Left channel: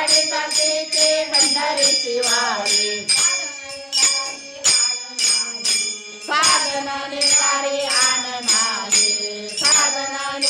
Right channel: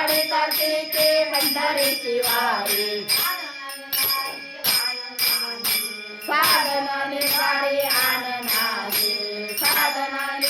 आषाढी कार्तिके भंडारीची वारी. साधनाने सारी आण साधनाने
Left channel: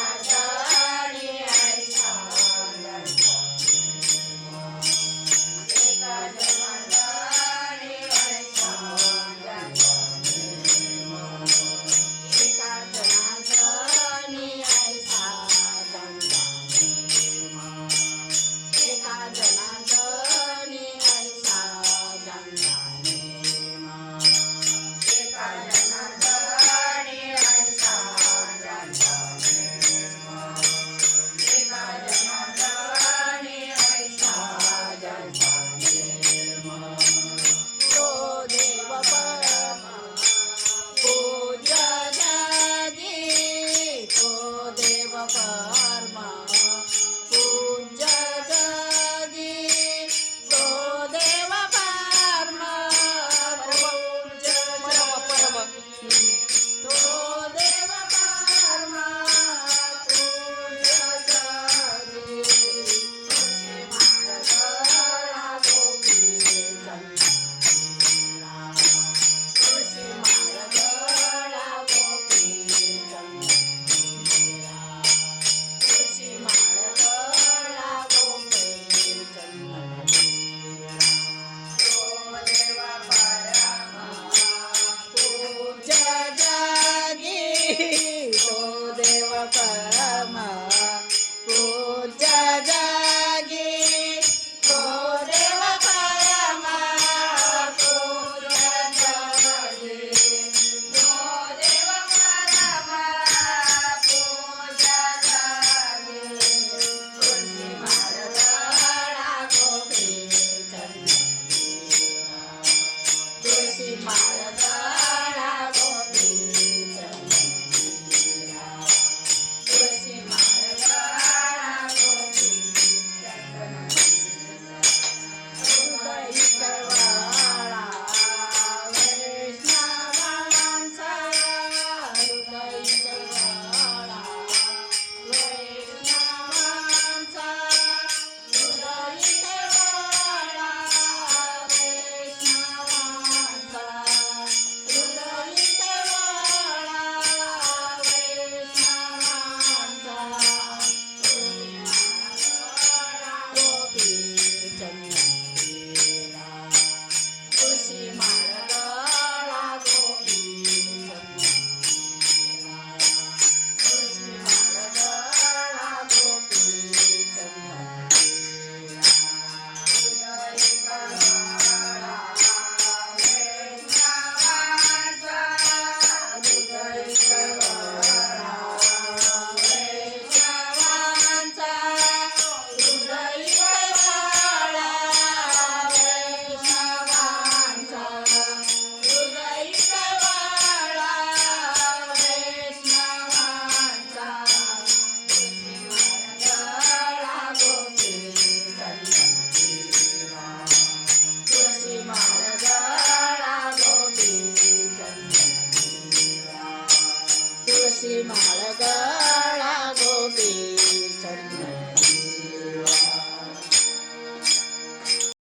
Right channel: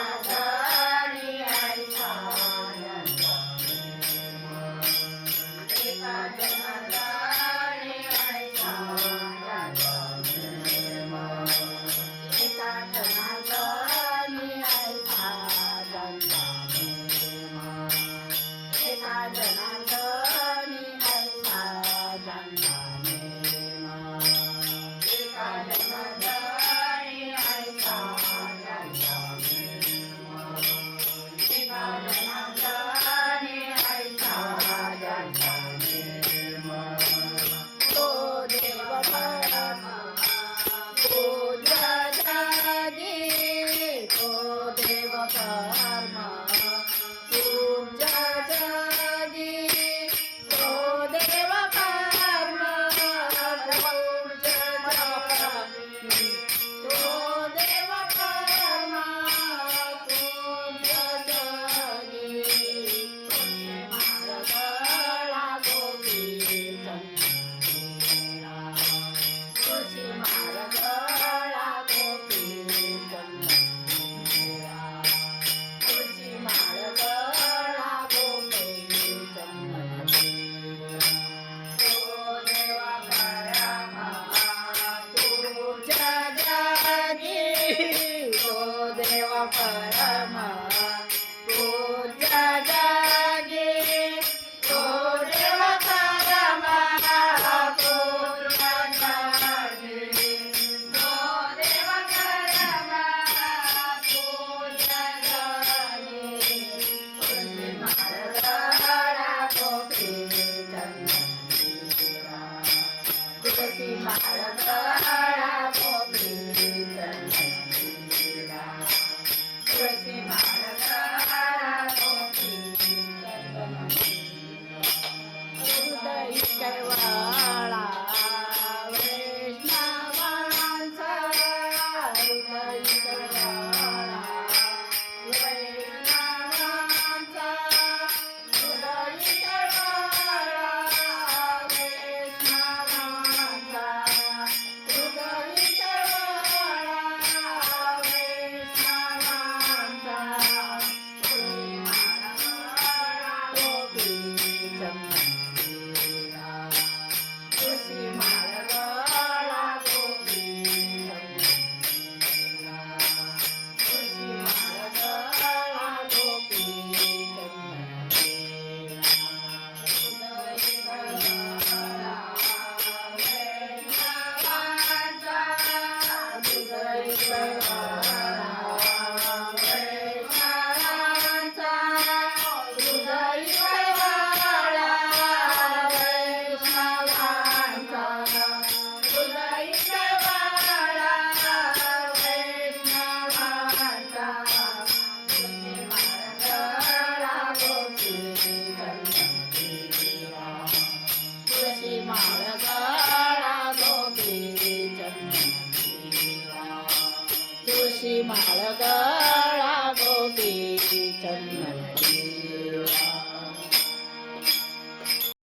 my life. ಶ್ರೀ ಚಂದ್ರ ಕುಸಿ ಮಾಡ 骑马了个